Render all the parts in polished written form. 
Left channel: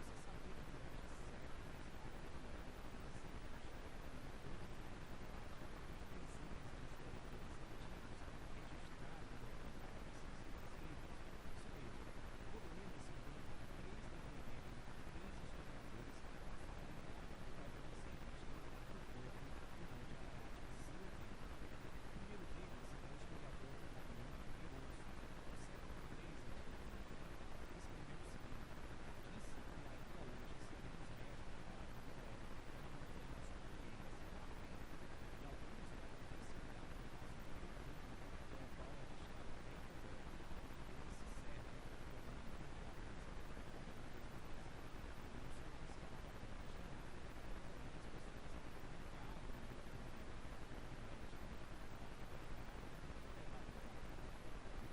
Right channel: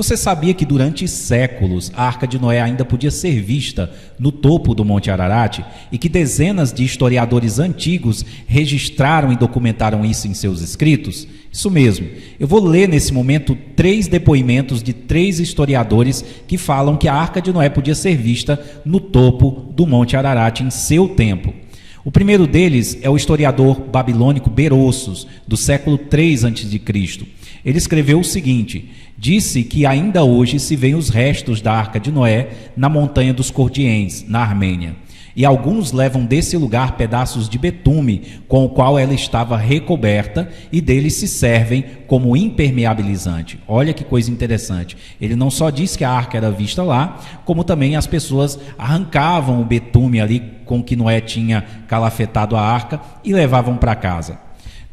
Você sabia que durante séculos a Arca de Noé ainda podia ser vista no topo do Monte Ararat e que dezenas de historiadores antigos registraram e documentaram isso em seus escritos? Isso mesmo. Eu vou ler nesse momento 3 depoimentos de 3 historiadores que falam que a Arca de Noé podia ser vista no topo do Monte Ararat em seu tempo. O primeiro deles é o historiador babilônico Berossos, do século 3 a.C. Ele escreveu o seguinte: disse que ainda hoje se veem os restos da Arca de Noé na montanha dos Cordiens, na Armênia. E alguns levam desse lugar pedaços de betume com o qual ela estava recoberta e deles se servem como impermeabilizante. Olha que coisa interessante. Ele não só disse que a arca era vista lá, como também as pessoas arrancavam o betume ali com que Noé tinha calafetado a arca e levavam para casa.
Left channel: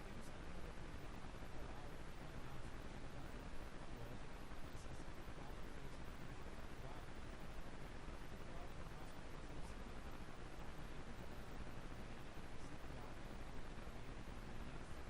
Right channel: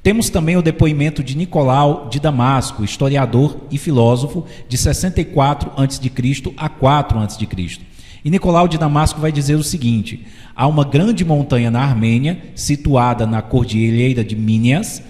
Temos também o depoimento de Nicolau de Damasco, historiador e filósofo, de 64 a.C. a 4 a.C. E Nicolau de Damasco vai dizer o seguinte: há uma grande montanha na Armênia, situada na cordilheira de Minas,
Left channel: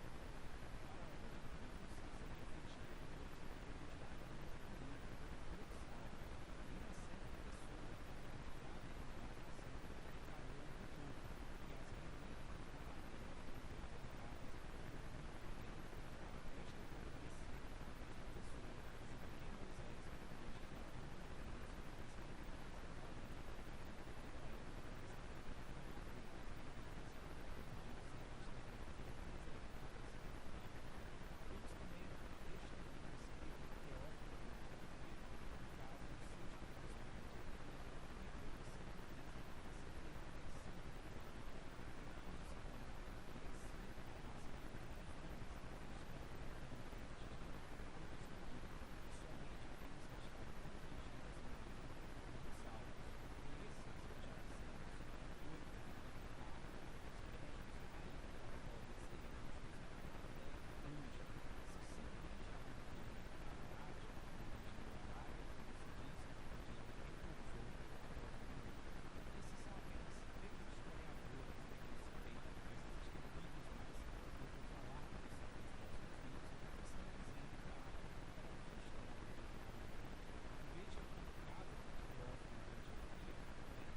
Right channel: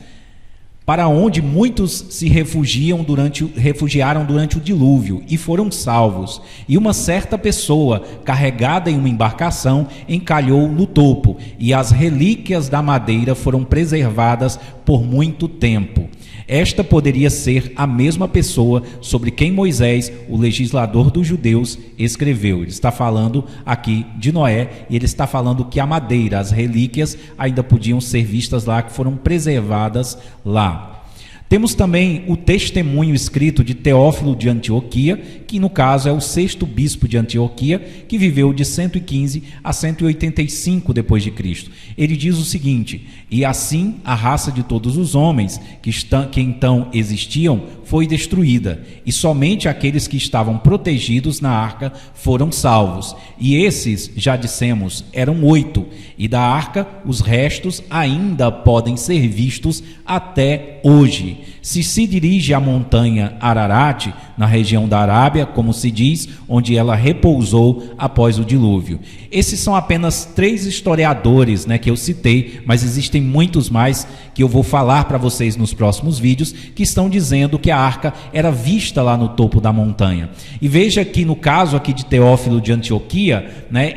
para onde muitos se refugiaram durante o dilúvio e foram salvos. E uma certa pessoa, carregada em uma embarcação, encalhou no topo, e as relíquias da madeira foram preservadas por muito tempo. Esta poderia ser a mesma pessoa sobre quem Moisés, o legislador dos judeus, escreveu. Ele está falando aqui de Noé, e ele está falando que a madeira, as relíquias, ainda podiam ser vistas lá, que foram preservadas lá. Temos também o testemunho escrito de Teófilo de Antioquia, que no caso é o 6º bispo de Antioquia, que viveu de 115 a 185 depois de Cristo. Ele diz o seguinte: e assim a raça de todos os homens que então existiam foi destruída, e somente aqueles que estavam protegidos na arca foram salvos. E esses, já dissemos, eram 8, e da arca os restos ainda podem ser vistos até hoje. Se dirige à montanha Ararat, na região da Arábia, como se diz, onde ela repousou após o dilúvio. Esses são apenas 3 historiadores, que eu citei, mas existem muitos mais que eu vou falar para vocês nos próximos vídeos, que estão dizendo que a arca era vista lá no topo da montanha. E veja que no caso aqui de Teófilo de Antioquia,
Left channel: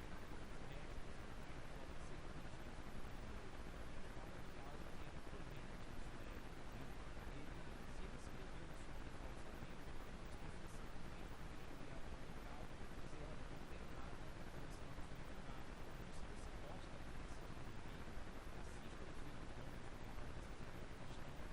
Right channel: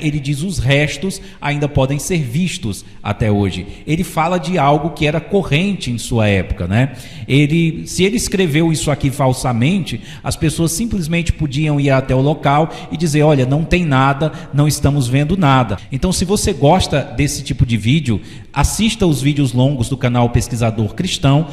ele diz os restos ainda podem ser vistos até hoje. Ele fala de algo que era corrente em sua época, Se ele escreveu isso aqui falsamente, as pessoas simplesmente podiam ir até o local e dizer: olha, não tem nada, não estamos vendo nada. Então, se você gosta desse tipo de vídeo, assista os vídeos longos do canal Pesquisador Cristão.